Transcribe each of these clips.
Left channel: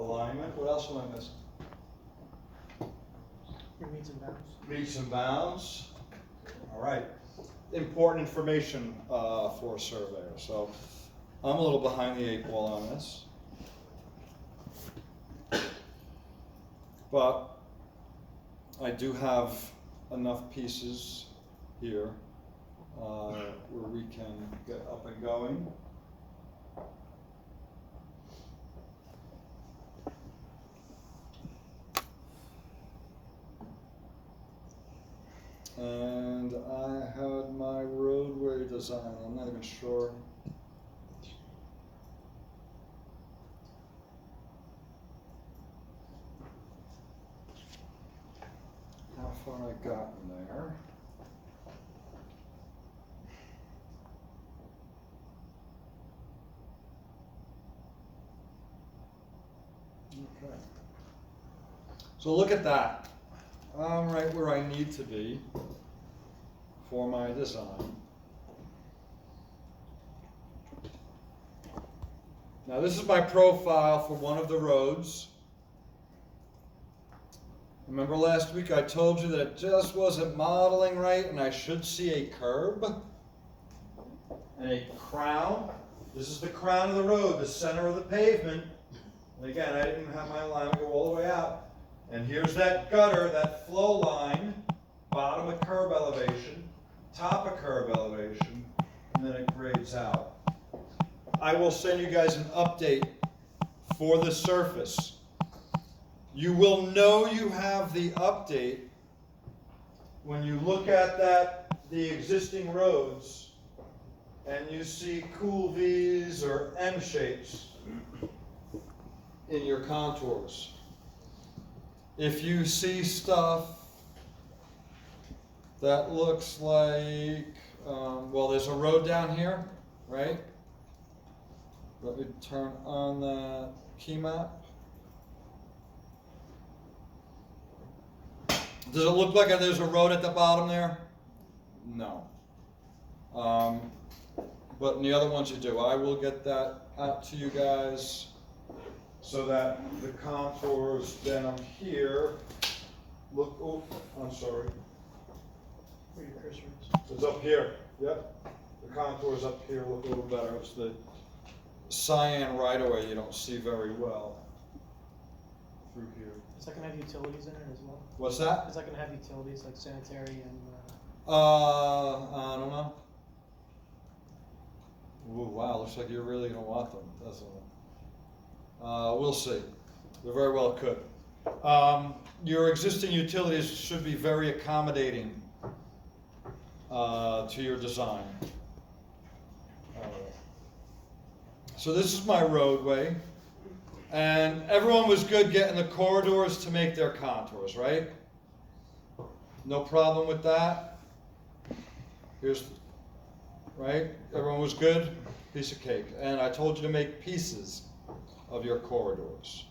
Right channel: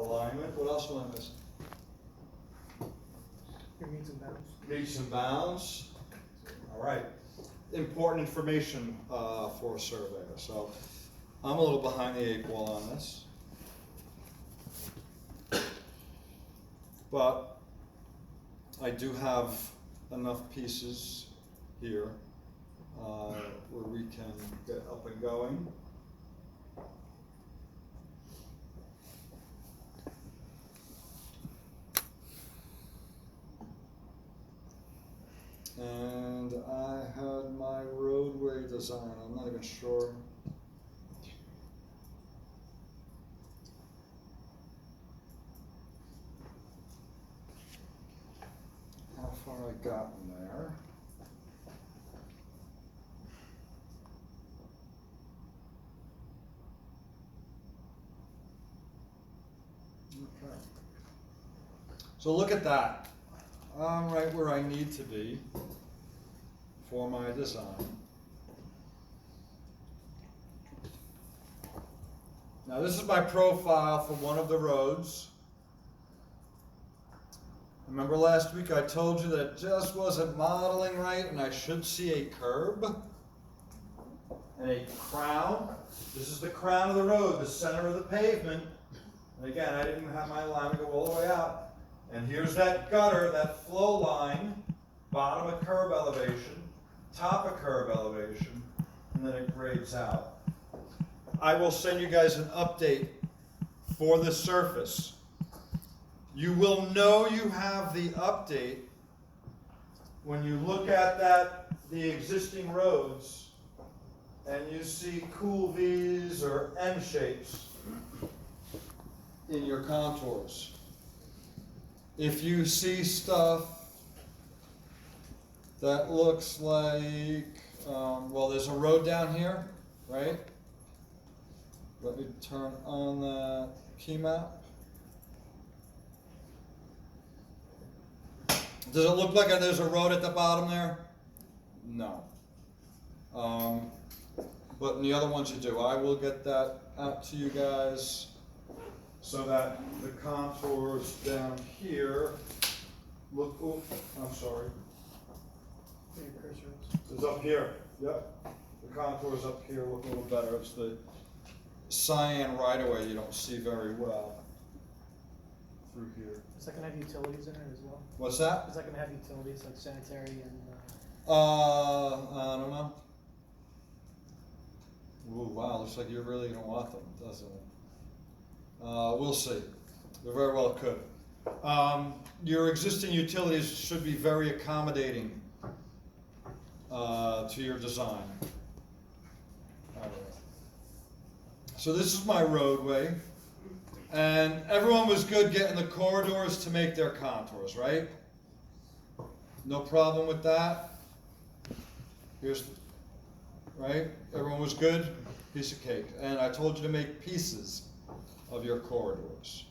alignment. What else am I missing? Your meets and bounds. Meets and bounds. All right. Important information for a surveyor. So I'm a little behind the 8 ball on this. But I do have enough pieces here where we can get up and going. And I had my roadway design. I'm not even sure. How far I got in there. Okay. So look at that. I'm right where I need to be for my design. Now this is my profile for one of the roads. Remember last week I told you that it just wasn't modeling right and I should see a curb and a crown. This is the crown of the road, the center of the pavement. And again, I didn't have my alignment go all the way out. And here's that gutter, that flow line, bottom of curb elevation, top of curb elevation, and then it grades out. I will send you guys an update for the surface. You will know you have the update when you look at the existing roads, and you see cool V's or M shapes in your contours. If you see stuff that looks like, well, there's a road down here, right? Let me turn on the key map. Does it look like there's a road at the bottom there? No. But in the other ones you do. I will get that out to you guys so that the contours down here look, oh, I'm sorry. Where your cursor is. It's up here, yep. The contours up here look a little better. It's the cyan right away you don't see very well through here. Is that gonna have utilities in it as well? What's that? Is that gonna have utilities like sanitary and? I don't know. Ooh, wow, looks like you're really gonna want them, doesn't it? We'll see. They very well could. Your existing utilities should be very accommodating to your design. So this is my roadway, and everyone was good getting the corridors to make their contours, right? No problem with that. Here's, right? Everyone was good? Piece of cake. And I told you to make pieces of your corridors.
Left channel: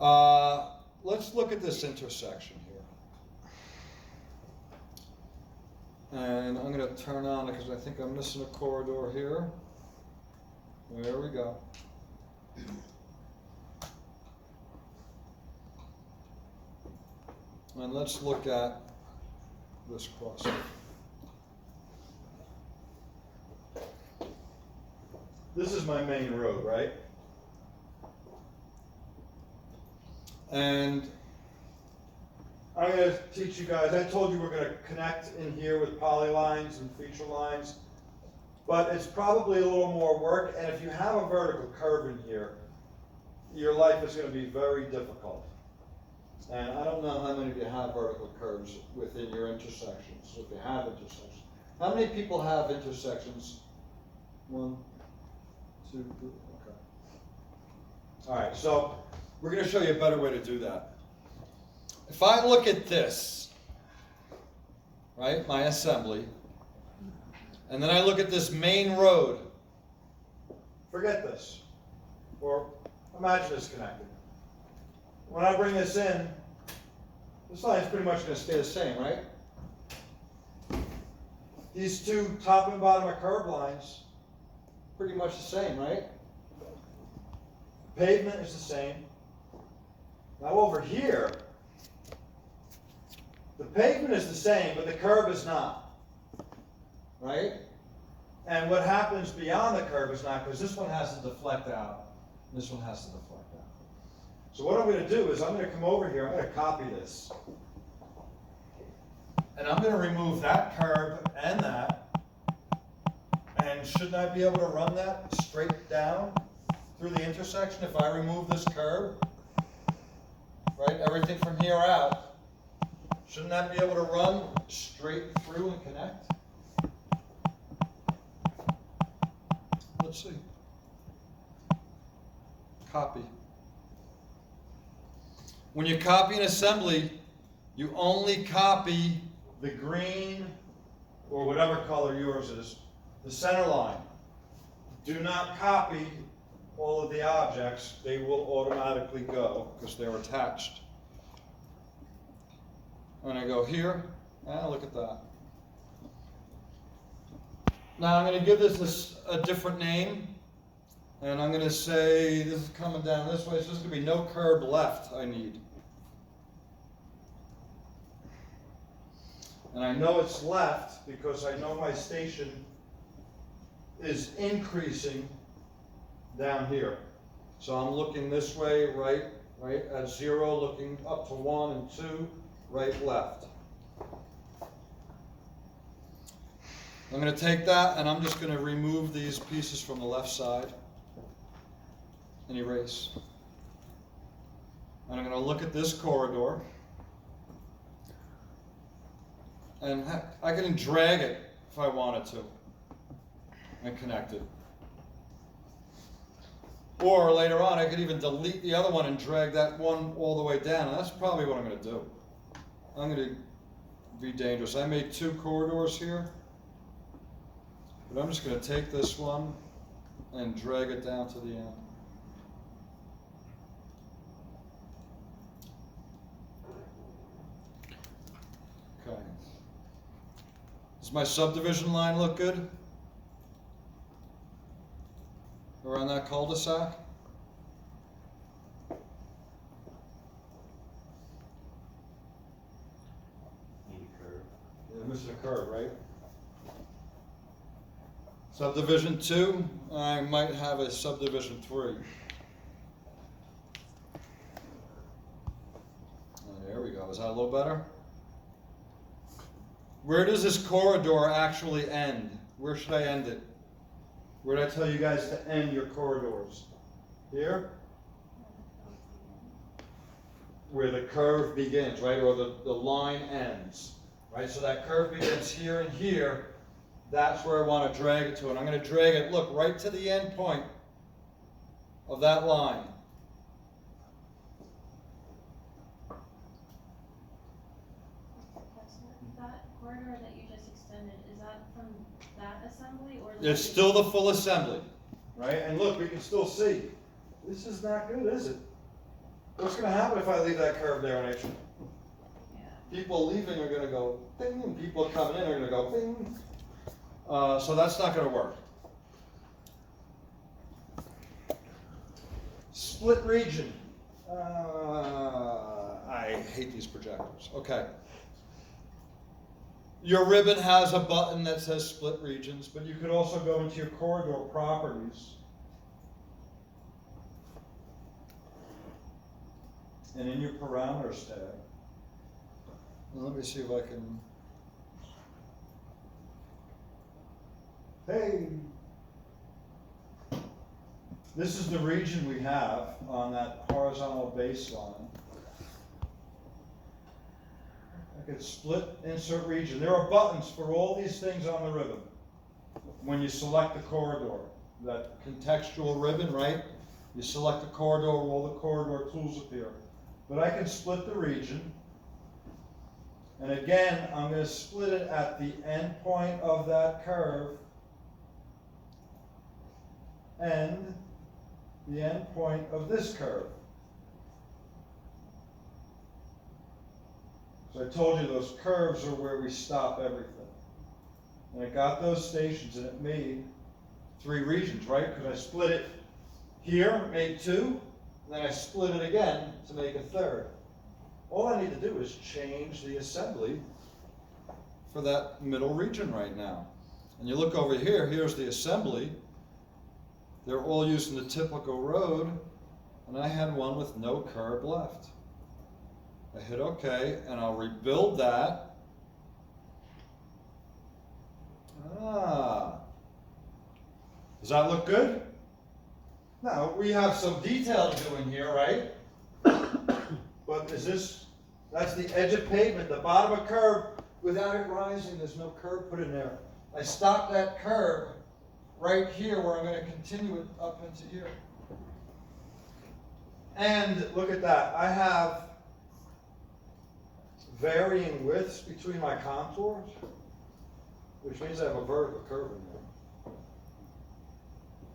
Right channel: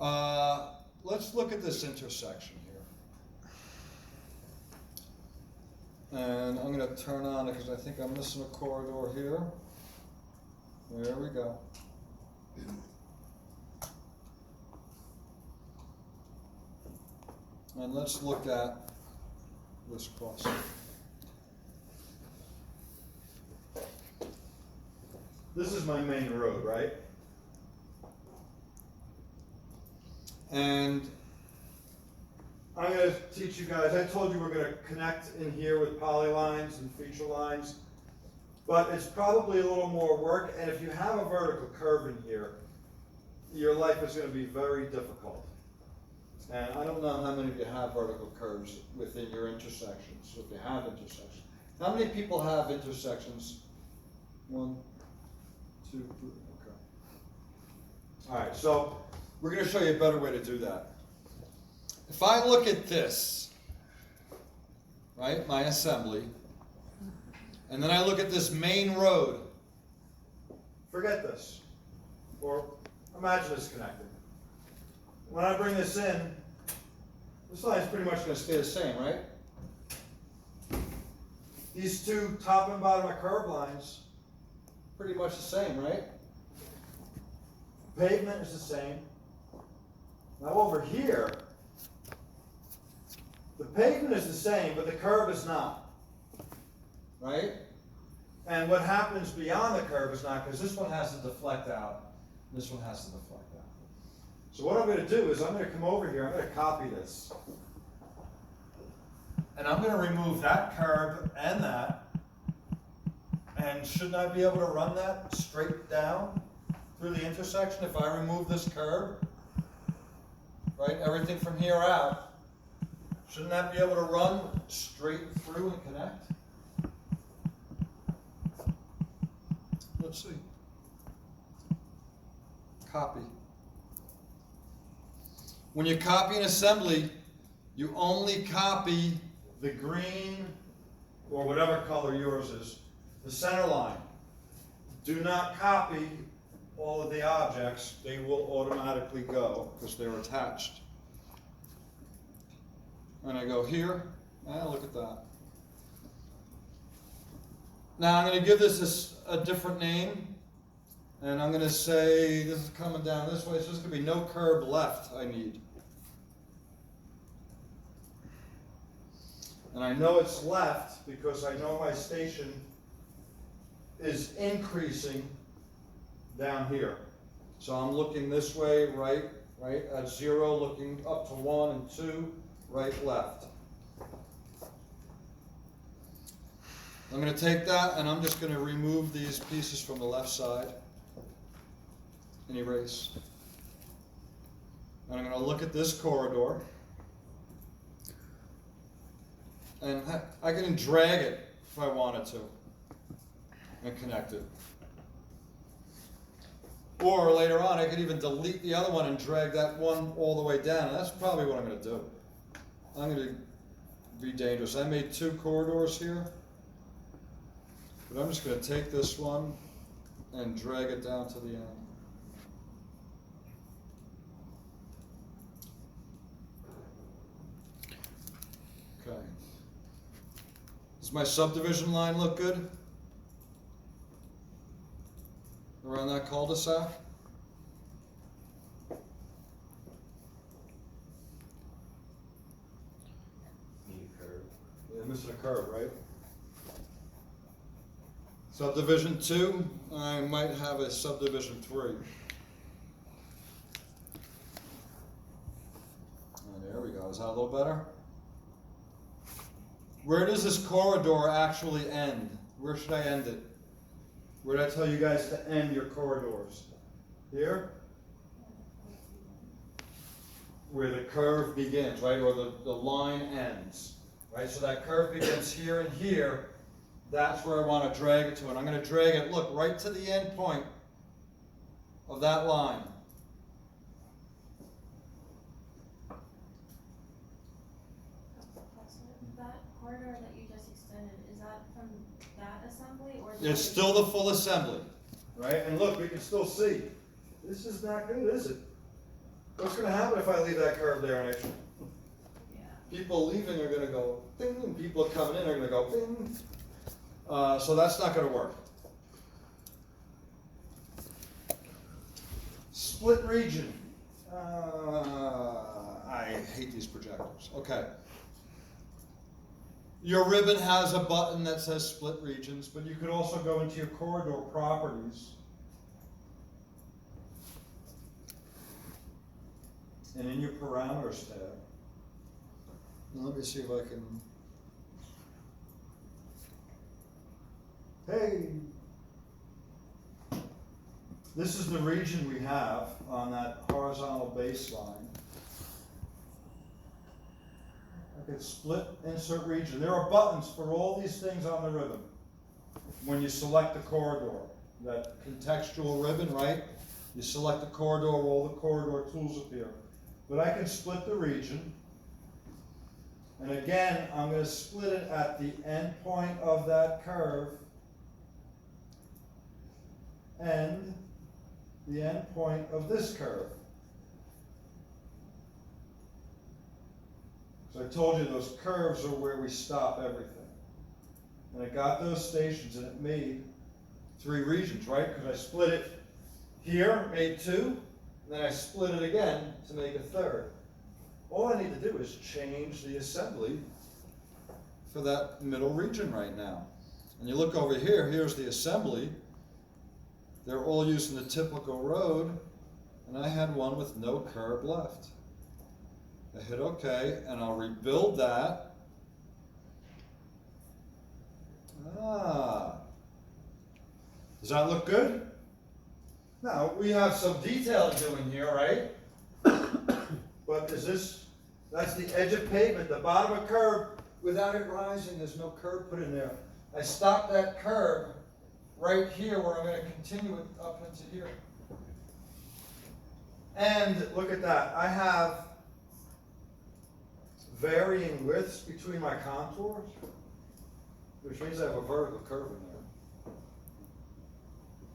Let's look at this intersection here. And I'm going to turn on it because I think I'm missing a corridor here. There we go. And let's look at this crossing. This is my main road, right? And I'm going to teach you guys, I told you we're going to connect in here with polylines and feature lines, but it's probably a little more work, and if you have a vertical curve in here, your life is going to be very difficult. And I don't know how many of you have vertical curves within your intersections, if you have intersections. How many people have intersections? 1, 2, 3, okay. All right, so we're going to show you a better way to do that. If I look at this, right, my assembly, and then I look at this main road, forget this, or imagine it's connected. When I bring this in, this line's pretty much going to stay the same, right? These two top and bottom of curb lines, pretty much the same, right? pavement is the same. Now over here, the pavement is the same, but the curb is not, right? And what happens beyond the curb is not, because this one has to deflect out, this one has to deflect out. So what I'm gonna do is I'm gonna come over here, I'm gonna copy this. And I'm gonna remove that curb and that. And shouldn't I be able to run that straight down through the intersection if I remove this curb? Right, everything from here out, shouldn't that be able to run straight through and connect? Let's see. Copy. When you copy an assembly, you only copy the green, or whatever color yours is, the center line. Do not copy all of the objects. They will automatically go because they're attached. And I go here, and look at that. Now I'm going to give this a different name, and I'm going to say this is coming down this way, so there's going to be no curb left I need. And I know it's left because I know my station is increasing down here. So I'm looking this way, right at 0, looking up to 1 and 2, right, left. I'm going to take that and I'm just going to remove these pieces from the left side and erase. And I'm going to look at this corridor. And I can drag it if I wanted to and connect it. Or later on, I could even delete the other one and drag that one all the way down. And that's probably what I'm going to do. I'm going to be dangerous. I made 2 corridors here. But I'm just going to take this one and drag it down to the end. Okay. Does my subdivision line look good? Around that cul-de-sac? Need a curve. Yeah, missing a curve, right? Subdivision 2, I might have a subdivision 3. Oh, there we go. Is that a little better? Where does this corridor actually end? Where should I end it? Where did I tell you guys to end your corridors? Here? Where the curve begins, right? Or the line ends, right? So that curve begins here and here. That's where I want to drag it to. And I'm going to drag it, look, right to the end point of that line. That corridor that you just extended, is that from that assembly or? It's still the full assembly, right? And look, we can still see. This is not good, is it? What's going to happen if I leave that curve there? And Yeah. people leaving are going to go ding, and people coming in are going to go ding. So that's not going to work. Split region. I hate these projectors. Okay. Your ribbon has a button that says split regions, but you could also go into your corridor properties. And in your parameters tab. And let me see if I can. Hey! This is the region we have on that horizontal baseline. I could split, insert region. There are buttons for all these things on the ribbon. When you select the corridor, that contextual ribbon, right? You select the corridor, all the corridor tools appear. But I can split the region. And again, I'm going to split it at the end point of that curve and the end point of this curve. So I told you those curves are where we stop everything. And it got those stations and it made 3 regions, right? Because I split it here, made 2, and then I split it again to make a 3rd. All I need to do is change the assembly for that middle region right now. And you look over here, here's the assembly. They're all using the typical road, and I had one with no curb left. I hit OK, and I'll rebuild that. Does that look good? Now, we have some detail doing here, right? But that's the edge of pavement, the bottom of curb, without it rising, there's no curb put in there. I stopped that curb right here where I'm gonna continue it up into here. And look at that, I have varying widths between my contours, which means I have a vertical curve in there.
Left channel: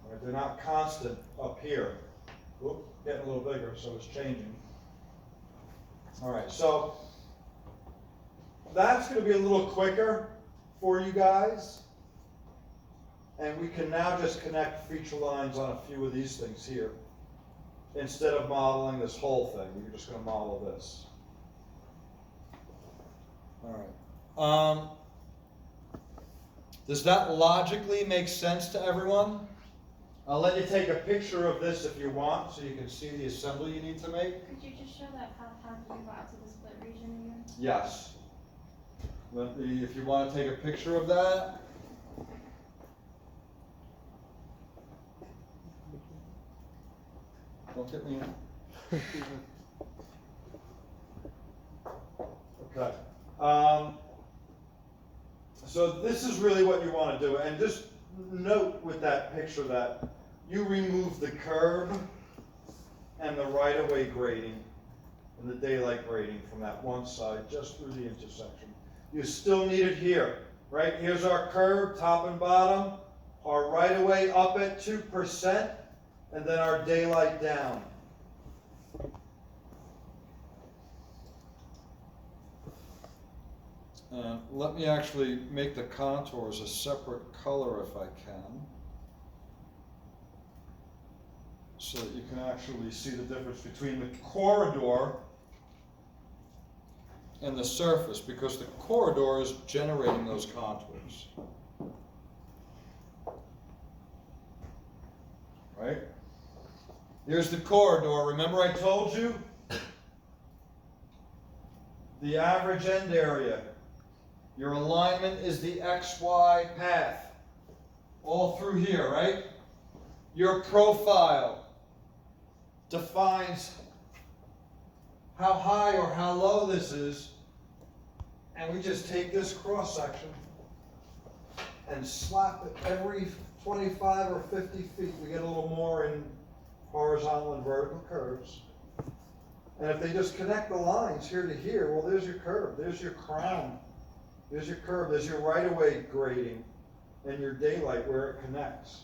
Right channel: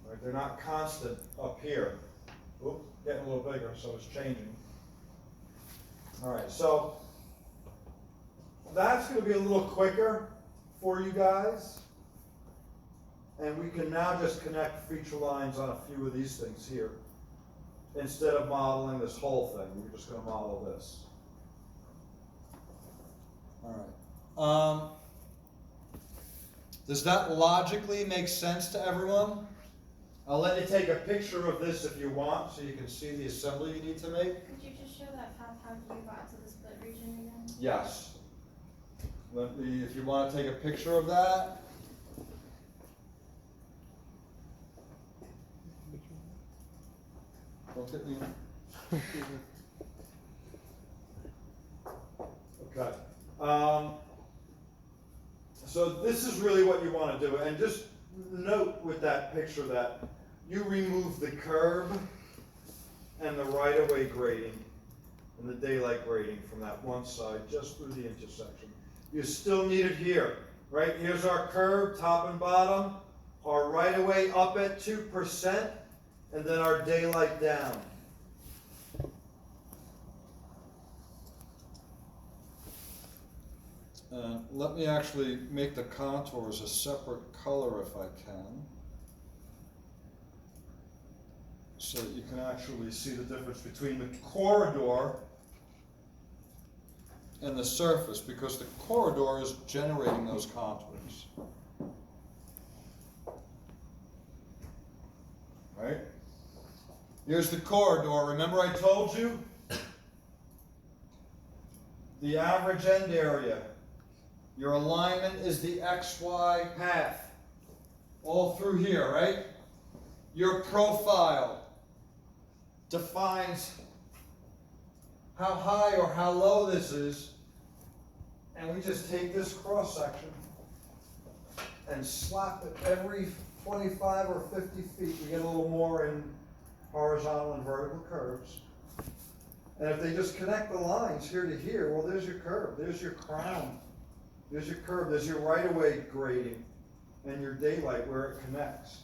Right, they're not constant up here. Oop, getting a little bigger, so it's changing. All right, so that's going to be a little quicker for you guys. And we can now just connect feature lines on a few of these things here. Instead of modeling this whole thing, we're just going to model this. All right. Does that logically make sense to everyone? I'll let you take a picture of this if you want, so you can see the assembly you need to make. Could you just show that path how you got to the split region again? Yes. If you want to take a picture of that. Don't get me. Okay. So this is really what you want to do, and just note with that picture that you remove the curb and the right-of-way grading and the daylight grading from that one side just through the intersection. You still need it here, right? Here's our curb, top and bottom, our right-of-way up at 2%, and then our daylight down. Let me actually make the contours a separate color if I can, so that you can actually see the difference between the corridor and the surface, because the corridor is generating those contours. Right? Here's the corridor. Remember I told you? The average end area. Your alignment is the XY path. All through here, right? Your profile defines how high or how low this is. And we just take this cross section and slap it every 25 or 50 feet. We get a little more in horizontal and vertical curves. And if they just connect the lines here to here, well, there's your curve, there's your crown, there's your curve, there's your right-of-way grading, and your daylight where it connects.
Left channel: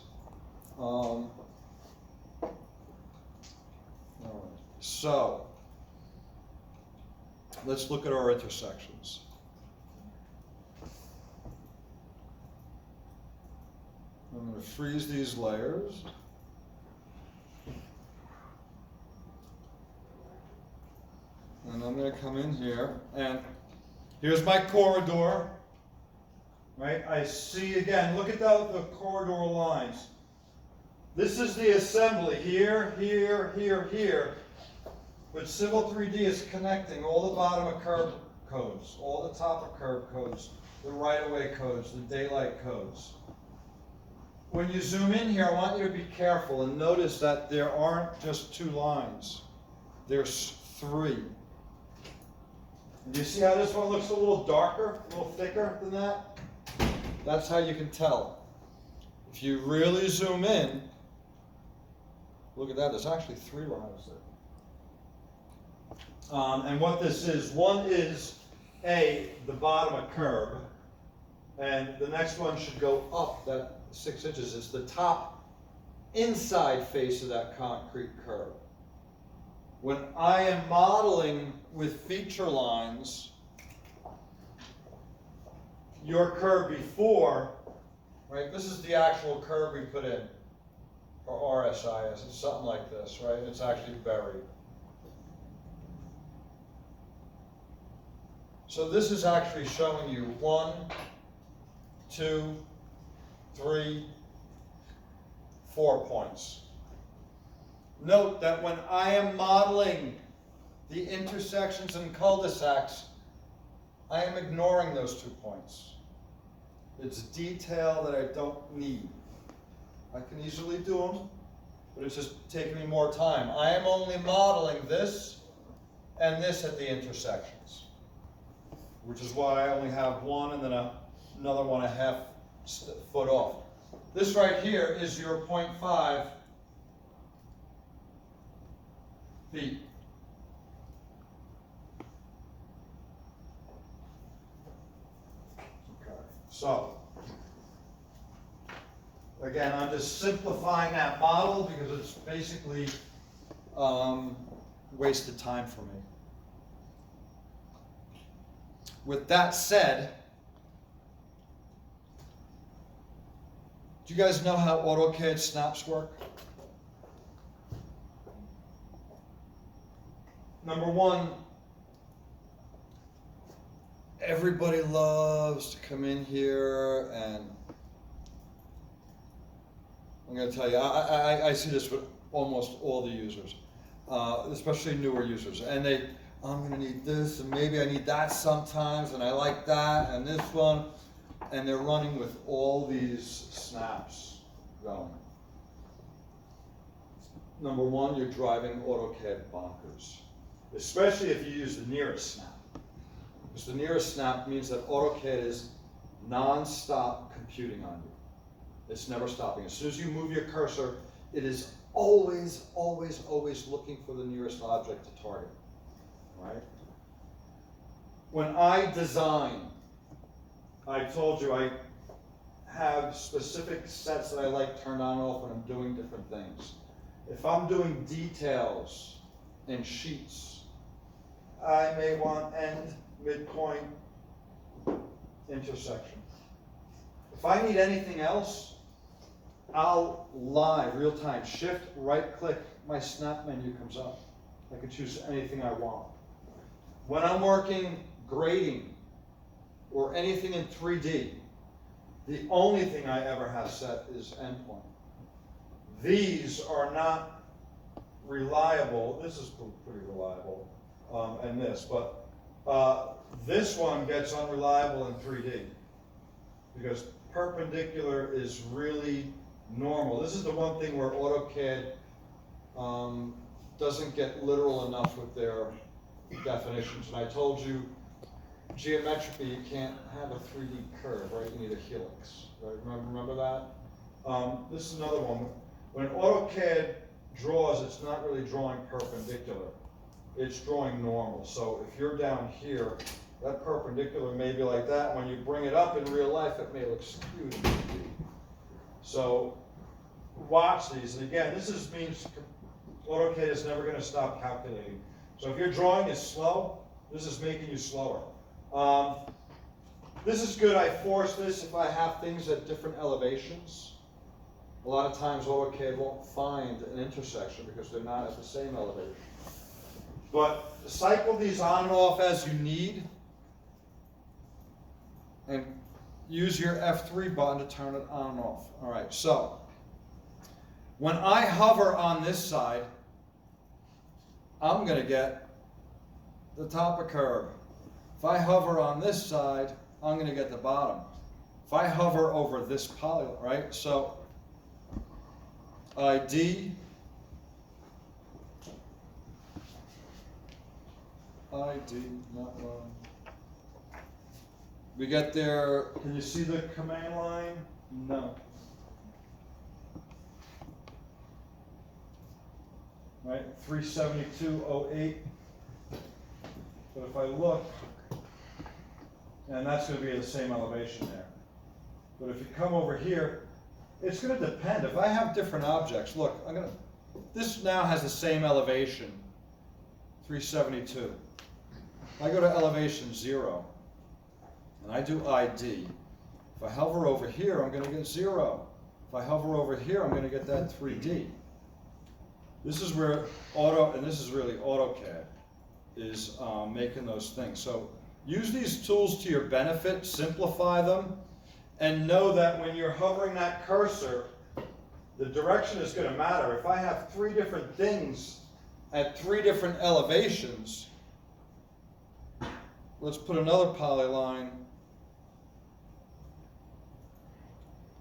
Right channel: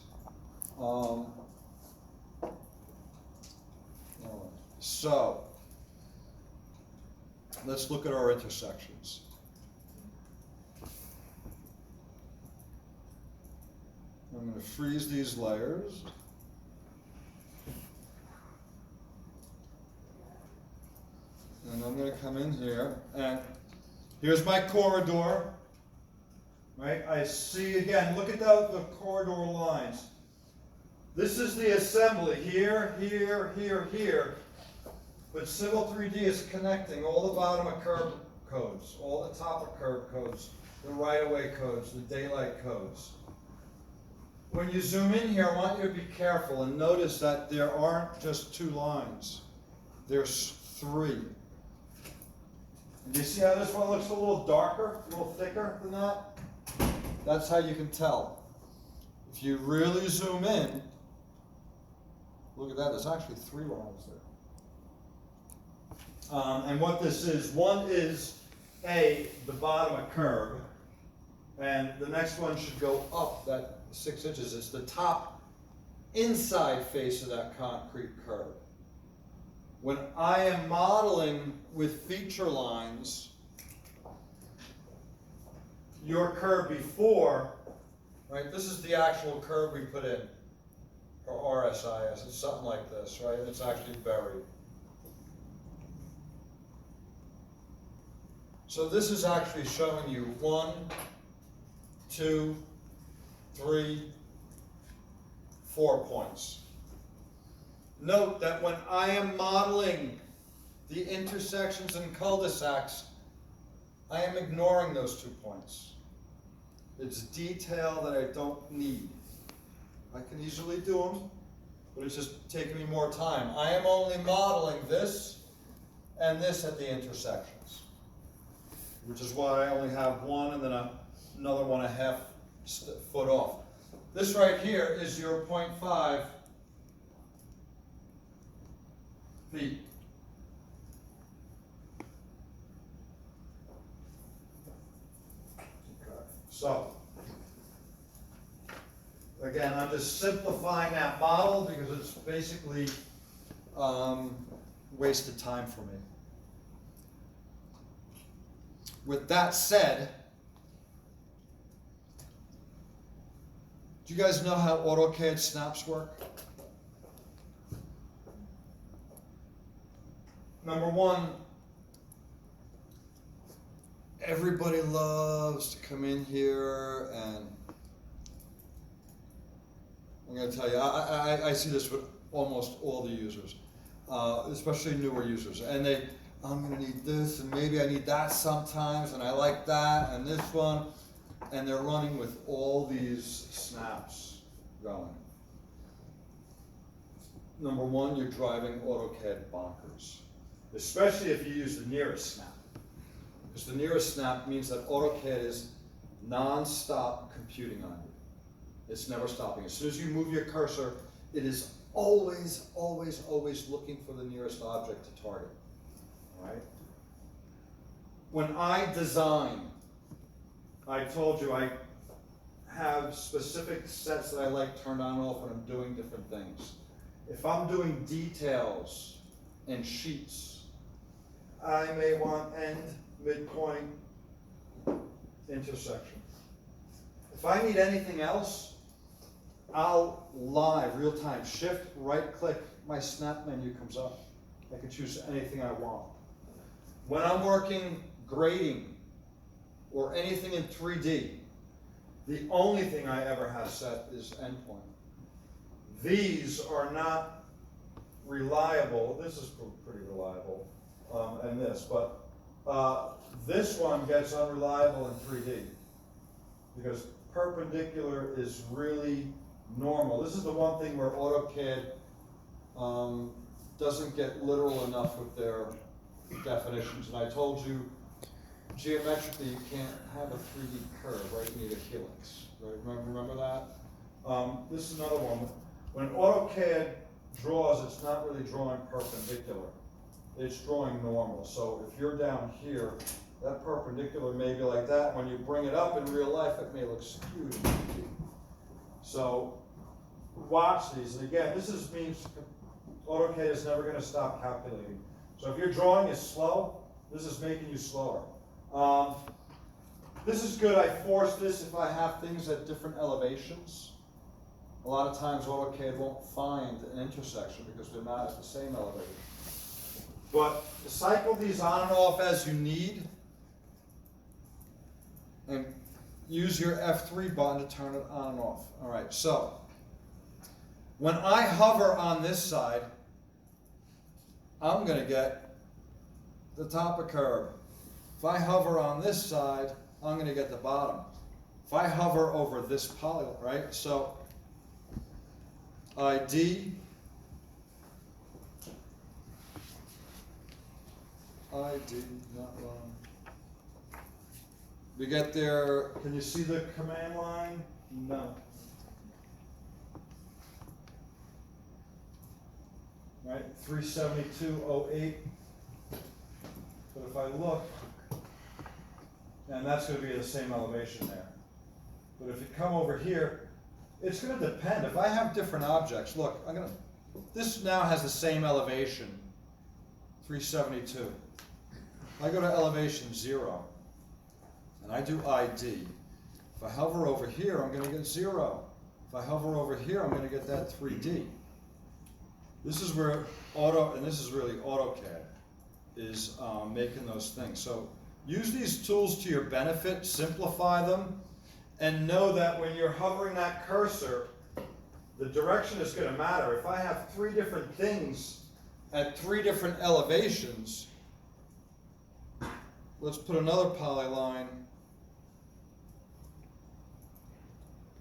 So, let's look at our intersections. I'm going to freeze these layers. And I'm going to come in here, and here's my corridor, right? I see again, look at the corridor lines. This is the assembly, here, here, here, here. But Civil 3D is connecting all the bottom of curb codes, all the top of curb codes, the right-of-way codes, the daylight codes. When you zoom in here, I want you to be careful and notice that there aren't just 2 lines. There's 3. Do you see how this one looks a little darker, a little thicker than that? That's how you can tell. If you really zoom in, look at that, there's actually 3 lines there. And what this is, one is the bottom of curb, and the next one should go up that 6 inches. It's the top inside face of that concrete curb. When I am modeling with feature lines, your curb before, right, this is the actual curb we put in. or RSIS, it's something like this, right? It's actually buried. So this is actually showing you 1, 2, 3, 4 points. Note that when I am modeling the intersections and cul-de-sacs, I am ignoring those 2 points. It's detail that I don't need. I can easily do them, but it's just taking me more time. I am only modeling this and this at the intersections, which is why I only have one and then another 1.5 foot off. This right here is your 0.5 feet. Okay, so again, I'm just simplifying that model because it's basically wasted time for me. With that said, do you guys know how AutoCAD snaps work? Number one, everybody loves to come in here and I'm going to tell you, I see this with almost all the users, especially newer users, and I'm going to need this, and maybe I need that sometimes, and I like that, and this one, and they're running with all these snaps going. Number one, you're driving AutoCAD bonkers, especially if you use the nearest snap, because the nearest snap means that AutoCAD is non-stop computing on you. It's never stopping. As soon as you move your cursor, it is always, always, always looking for the nearest object to target, right? When I design, I told you I have specific sets that I like turned on and off when I'm doing different things. If I'm doing details in sheets, I may want end, midpoint, intersection. If I need anything else, I'll live, real time, shift, right click, my snap menu comes up. I can choose anything I want. When I'm working grading or anything in 3D, the only thing I ever have set is endpoint. These are not reliable. This is pretty reliable, and this, but this one gets unreliable in 3D because perpendicular is really normal. This is the one thing where AutoCAD doesn't get literal enough with their definitions. And I told you, geometrically, you can't have a 3D curve, right? You need a helix, right? Remember that? This is another one. When AutoCAD draws, it's not really drawing perpendicular. It's drawing normal. So if you're down here, that perpendicular may be like that. When you bring it up in real life, it may look skewed. So watch these. And again, this means AutoCAD is never going to stop calculating. So if your drawing is slow, this is making you slower. This is good. I force this if I have things at different elevations. A lot of times AutoCAD won't find an intersection because they're not at the same elevation. But cycle these on and off as you need. And use your F3 button to turn it on and off. All right, so when I hover on this side, I'm going to get the top of curve. If I hover on this side, I'm going to get the bottom. If I hover over this polygon, right? So ID, not wrong. We get there, can you see the command line? No. Right, 372.08. So if I look, and that's going to be the same elevation there. But if you come over here, it's going to depend. If I have different objects, look, this now has the same elevation, 372. If I go to elevation 0, and I do ID, if I hover over here, I'm going to get 0. If I hover over here, I'm gonna get that 3D. This is where and this is really AutoCAD, is making those things. So use these tools to your benefit, simplify them, and know that when you're hovering that cursor, the direction is gonna matter. If I have 3 different things at 3 different elevations, let's put another polyline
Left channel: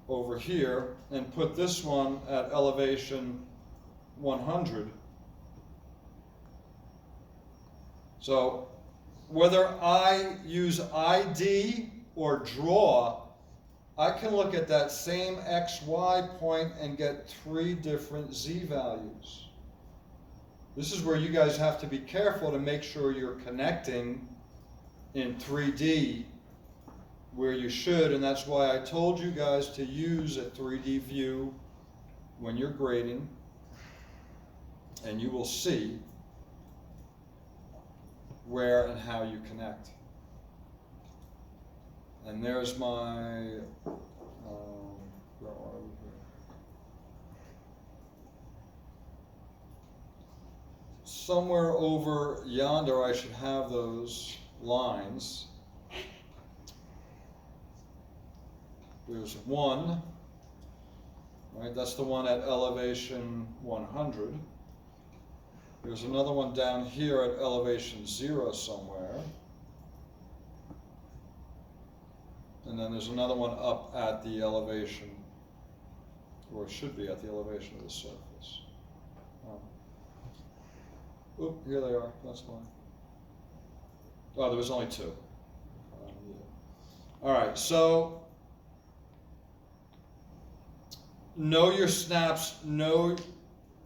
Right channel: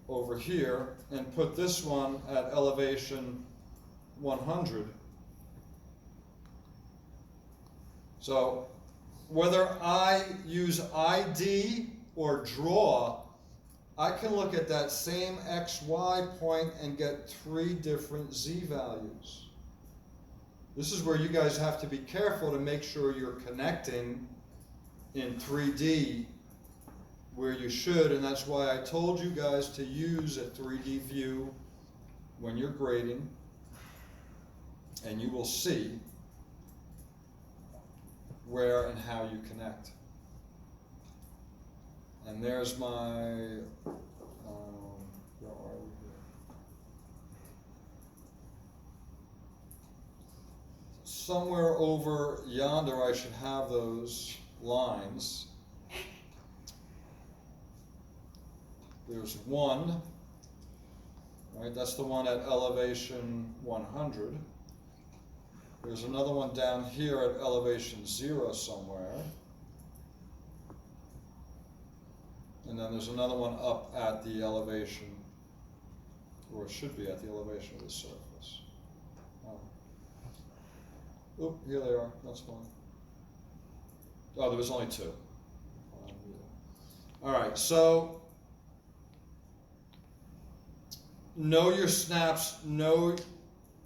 over here and put this one at elevation 100. So whether I use ID or draw, I can look at that same XY point and get 3 different Z values. This is where you guys have to be careful to make sure you're connecting in 3D where you should, and that's why I told you guys to use a 3D view when you're grading, and you will see where and how you connect. And there's my, where are we here? Somewhere over yonder I should have those lines. There's one, right? That's the one at elevation 100. There's another one down here at elevation 0 somewhere. And then there's another one up at the elevation, or it should be at the elevation of the surface. Oop, here they are, that's one. Oh, there was only 2. Yeah. All right, so know your snaps, know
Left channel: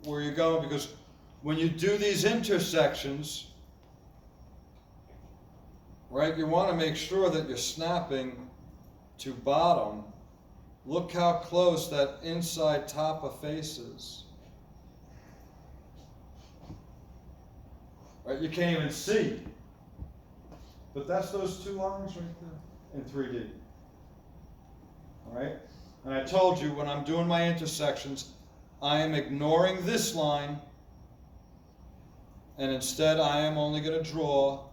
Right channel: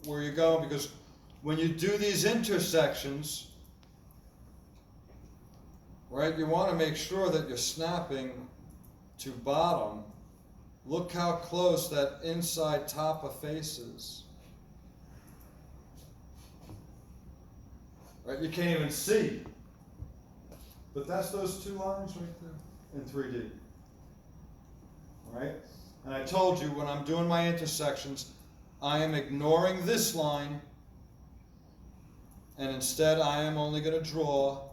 where you're going, because when you do these intersections, right, you want to make sure that you're snapping to bottom. Look how close that inside top of face is. Right, you can't even see. But that's those 2 lines right there in 3D. All right? And I told you when I'm doing my intersections, I am ignoring this line, and instead I am only going to draw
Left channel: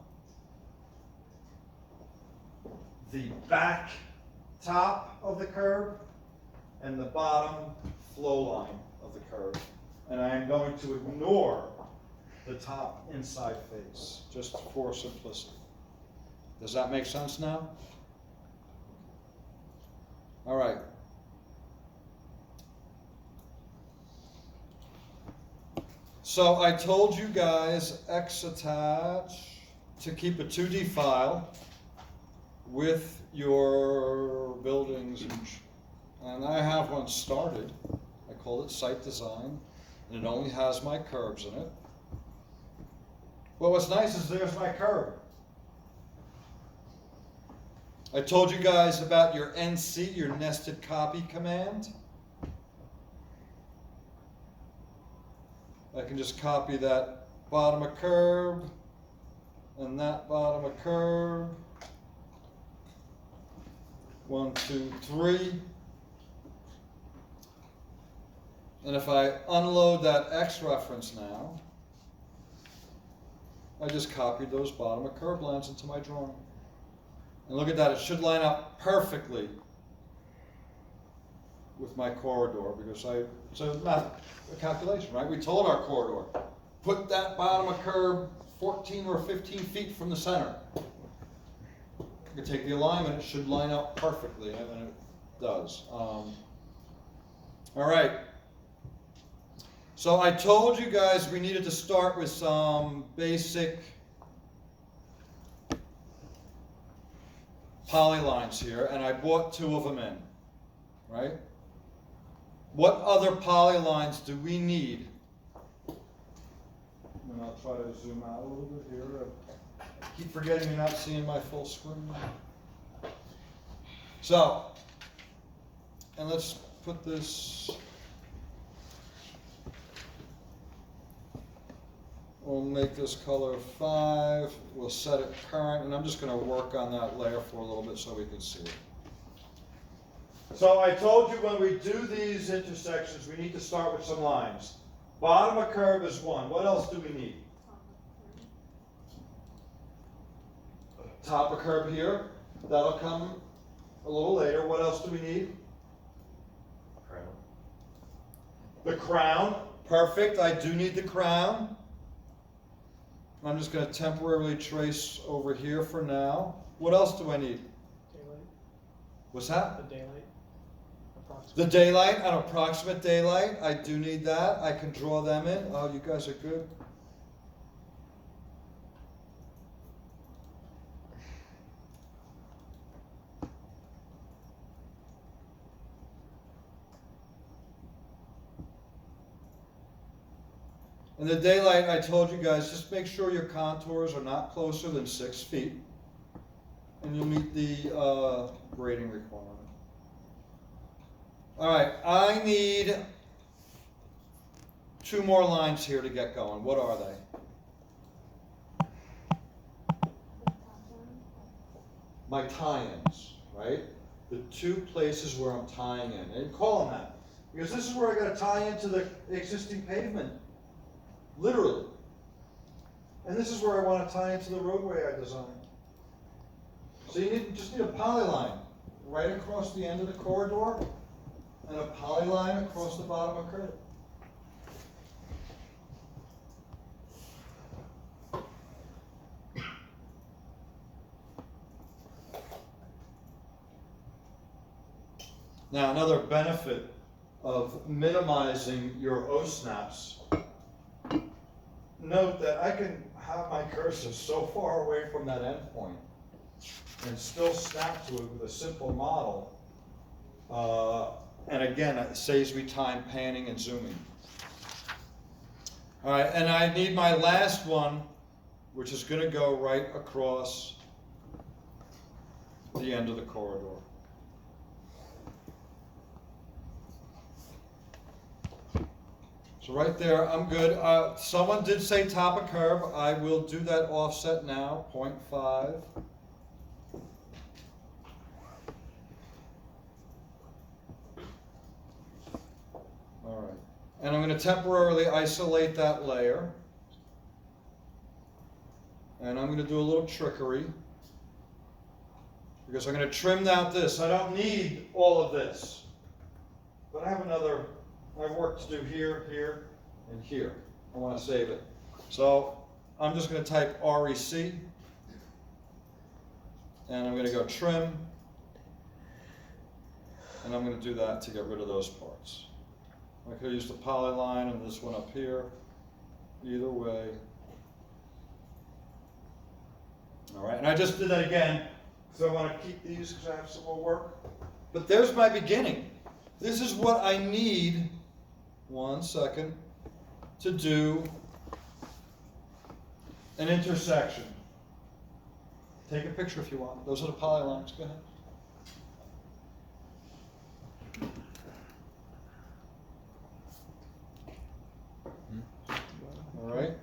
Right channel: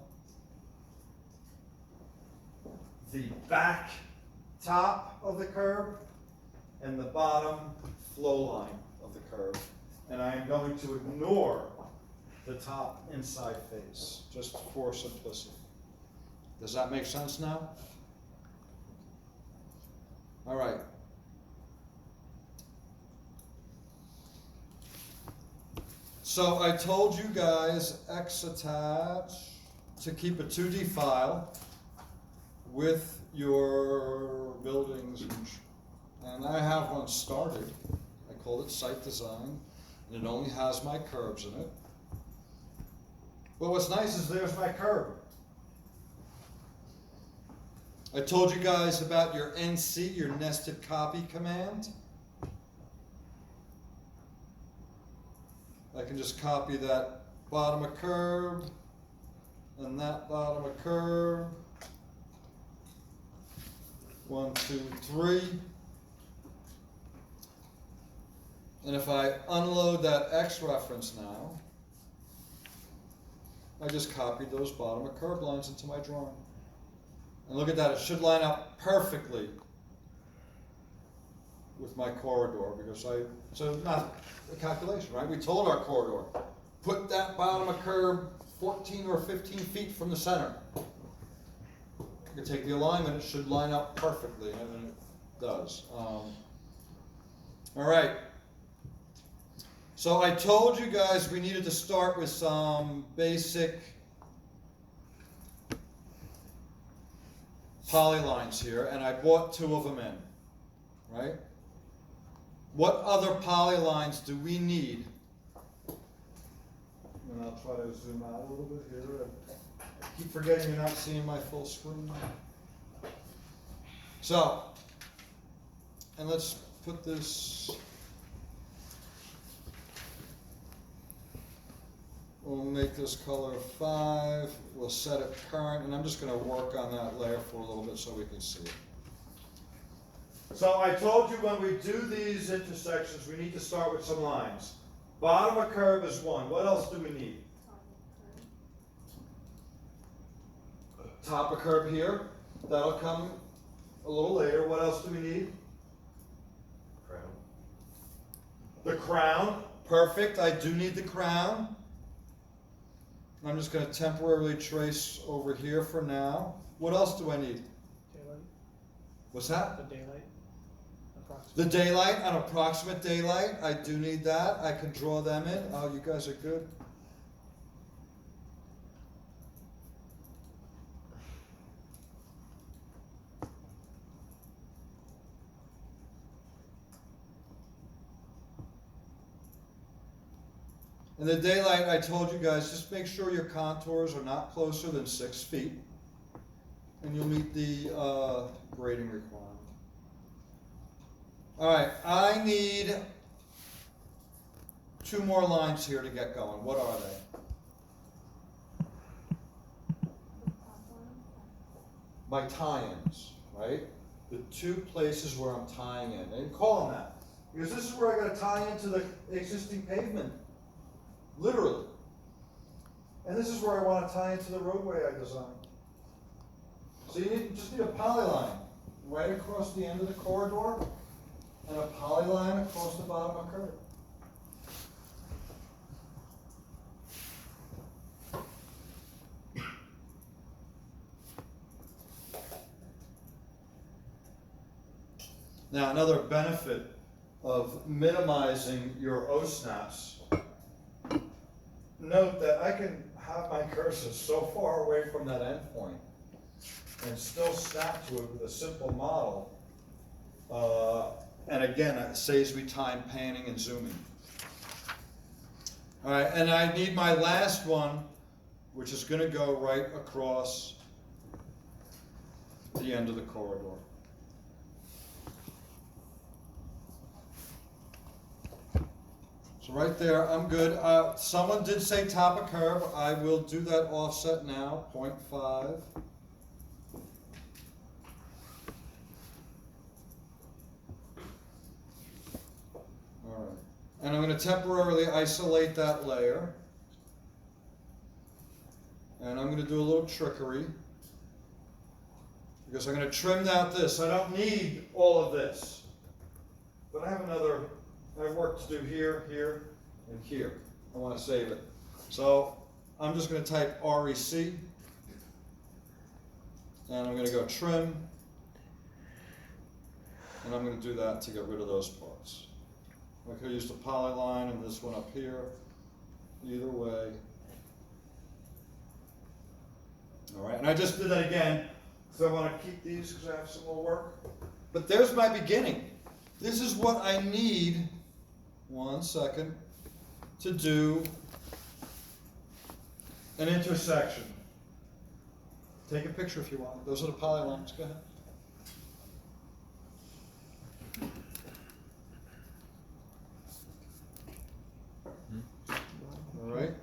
the back top of the curve and the bottom flow line of the curve. And I am going to ignore the top inside face, just for simplicity. Does that make sense now? All right. So I told you guys X attach to keep a 2D file with your buildings, and I have one started. I called it Site Design, and it only has my curbs in it. Well, what's nice is there's my curb. I told you guys about your NC, your nested copy command. I can just copy that bottom of curb and that bottom of curb. 1, 2, 3. And if I unload that X reference now, I just copied those bottom of curb lines into my drawing. And look at that, it should line up perfectly with my corridor, because it's a calculation, right? We told our corridor, put that bottom of curb 14 or 15 feet from the center. You can take the alignment, it should line up perfectly, and it does. All right. So I told you guys we needed to start with some basic polylines here, and I brought 2 of them in, right? What other polylines do we need? And I'll try to zoom out a little bit here. I keep forgetting you're not seeing my full screen. So, and let's put this, we'll make this color 5, we'll set it current, and I'm just going to work on that layer for a little bit so we can see it. So I told you when we do these intersections, we need to start with some lines. Bottom of curve is one. What else do we need? Top of curve here. That'll come a little later. What else do we need? Crown. The crown. Perfect. I do need the crown. I'm just going to temporarily trace over here for now. What else do I need? Daylight, What's that? the daylight, approximate. The daylight, an approximate daylight, I do need that. I can draw them in. Oh, you guys are good. In the daylight, I told you guys, just make sure your contours are not closer than 6 feet. And you'll meet the grading requirement. All right, I need 2 more lines here to get going. What are they? My tie-ins, right? The 2 places where I'm tying in. And call them that. Because this is where I gotta tie into the existing pavement. Literally. And this is where I wanna tie into the roadway I designed. So you just need a polyline right across the end of the corridor and a polyline across the bottom of curve. Now, another benefit of minimizing your O-snaps, note that I can have my cursor so far away from that endpoint and still snap to it with a simple model. And again, it saves me time panning and zooming. All right, and I need my last one, which is gonna go right across the end of the corridor. So right there, I'm good. Someone did say top of curve. I will do that offset now, 0.5. All right, and I'm going to temporarily isolate that layer. And I'm going to do a little trickery. Because I'm going to trim out this. I don't need all of this. But I have work to do here, here, and here. I want to save it. So I'm just going to type REC. And I'm going to go trim. And I'm going to do that to get rid of those parts. I could use the polyline and this one up here. Either way. All right, and I just did that again because I want to keep these because I have some more work. But there's my beginning. This is what I need, 1 second, to do an intersection. Take a picture if you want. Those are the polylines. Go ahead. All right.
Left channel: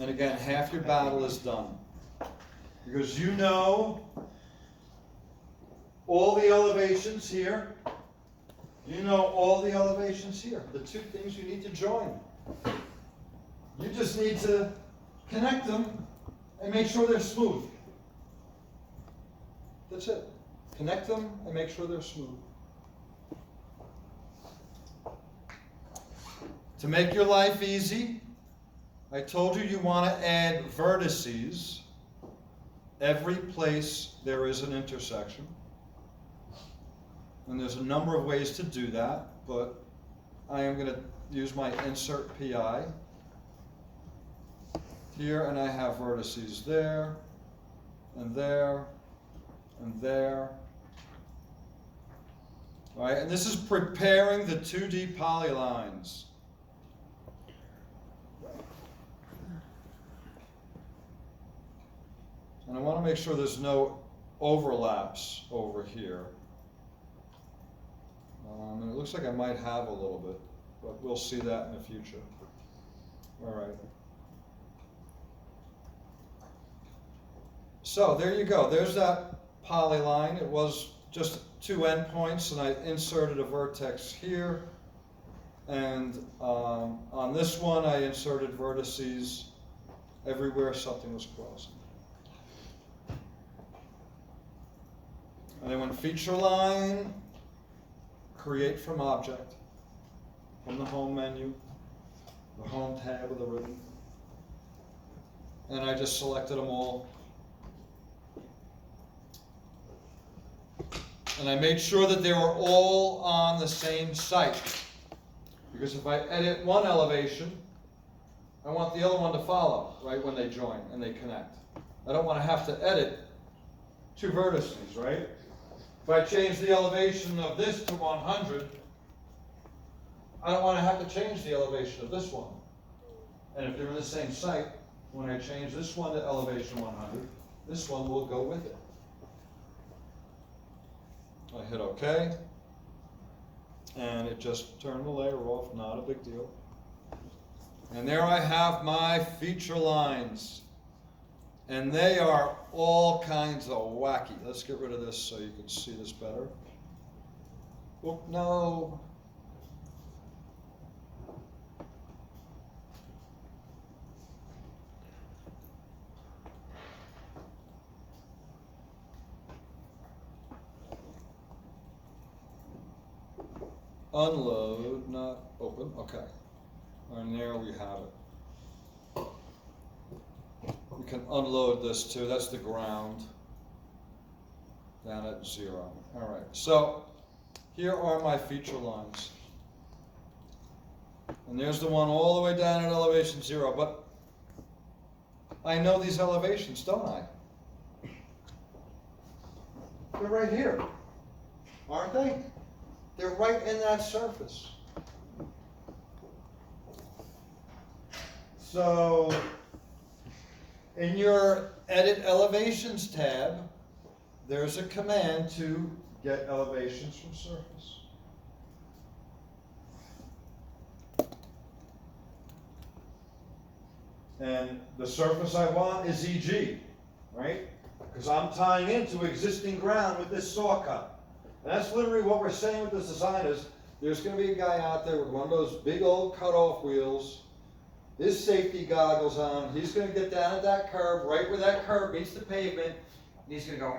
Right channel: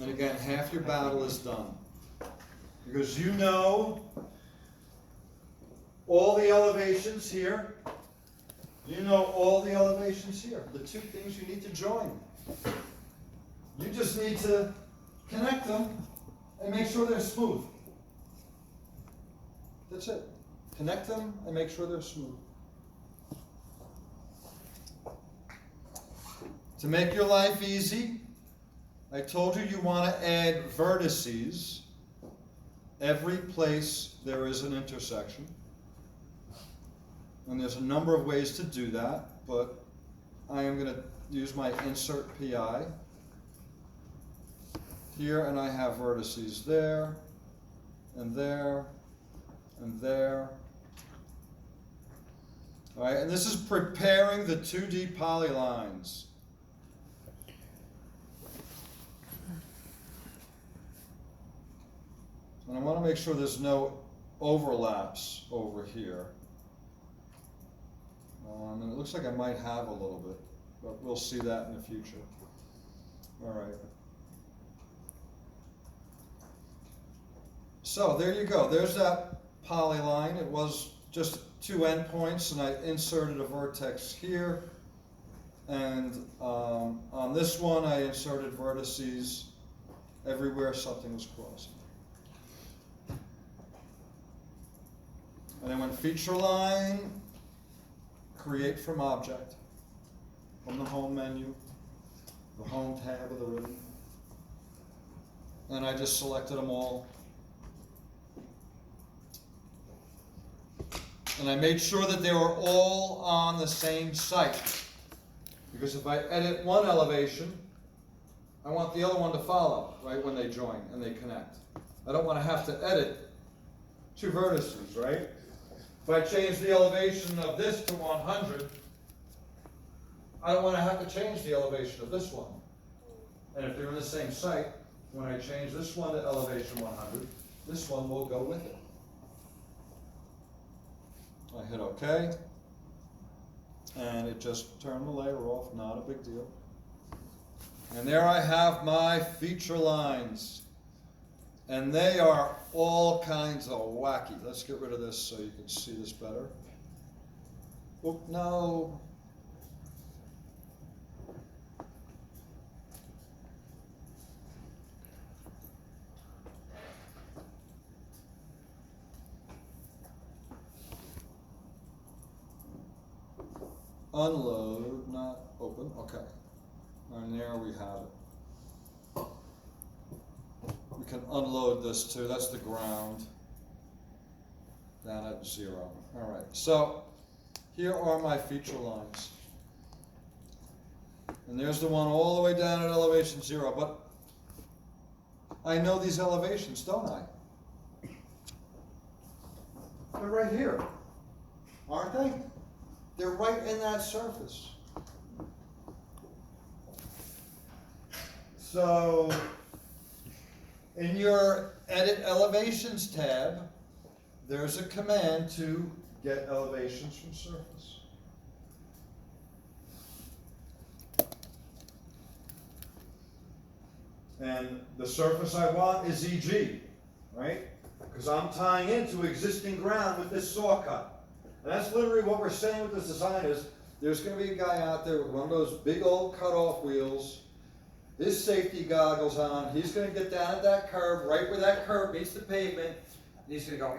And again, half your battle is done. Because you know all the elevations here. You know all the elevations here. The 2 things you need to join. You just need to connect them and make sure they're smooth. That's it. Connect them and make sure they're smooth. To make your life easy, I told you want to add vertices every place there is an intersection. And there's a number of ways to do that, but I am going to use my insert PI here, and I have vertices there, and there, and there. All right, and this is preparing the 2D polylines. And I want to make sure there's no overlaps over here. And it looks like I might have a little bit, but we'll see that in the future. All right. So there you go. There's that polyline. It was just 2 endpoints, and I inserted a vertex here. And on this one, I inserted vertices everywhere something was crossing. And I went feature line, create from object, from the home menu, the home tab of the ribbon. And I just selected them all. And I made sure that they were all on the same site. Because if I edit one elevation, I want the other one to follow, right, when they join and they connect. I don't want to have to edit 2 vertices, right? If I change the elevation of this to 100, I don't want to have to change the elevation of this one. And if they're in the same site, when I change this one to elevation 100, this one will go with it. I hit OK, and it just turned the layer off, not a big deal. And there I have my feature lines. And they are all kinds of wacky. Let's get rid of this so you can see this better. Oh, no. Unload, not open, okay. And there we have it. We can unload this too, that's the ground. Down at 0. All right, so here are my feature lines. And there's the one all the way down at elevation 0, but I know these elevations, don't I? They're right here, aren't they? They're right in that surface. So, in your Edit Elevations tab, there's a command to get elevations from surface. And the surface I want is EG, right? Because I'm tying into existing ground with this saw cut. And that's literally what we're saying with this design is, there's going to be a guy out there with one of those big old cut-off wheels, his safety goggles on, he's going to get down at that curb, right where that curb meets the pavement, and he's going to go,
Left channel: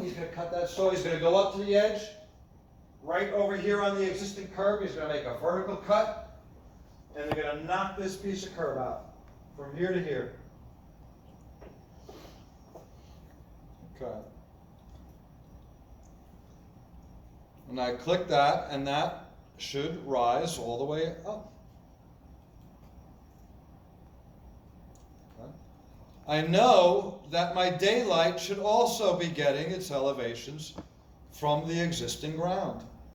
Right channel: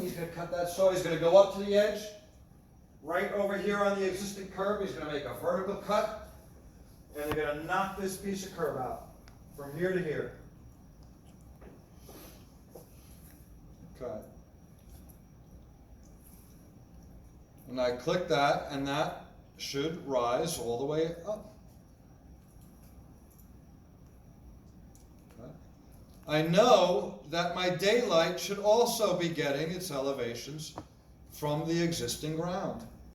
he's going to cut that saw, he's going to go up to the edge, right over here on the existing curb, he's going to make a vertical cut, and they're going to knock this piece of curb out, from here to here. Okay. And I click that, and that should rise all the way up. Okay. I know that my daylight should also be getting its elevations from the existing ground.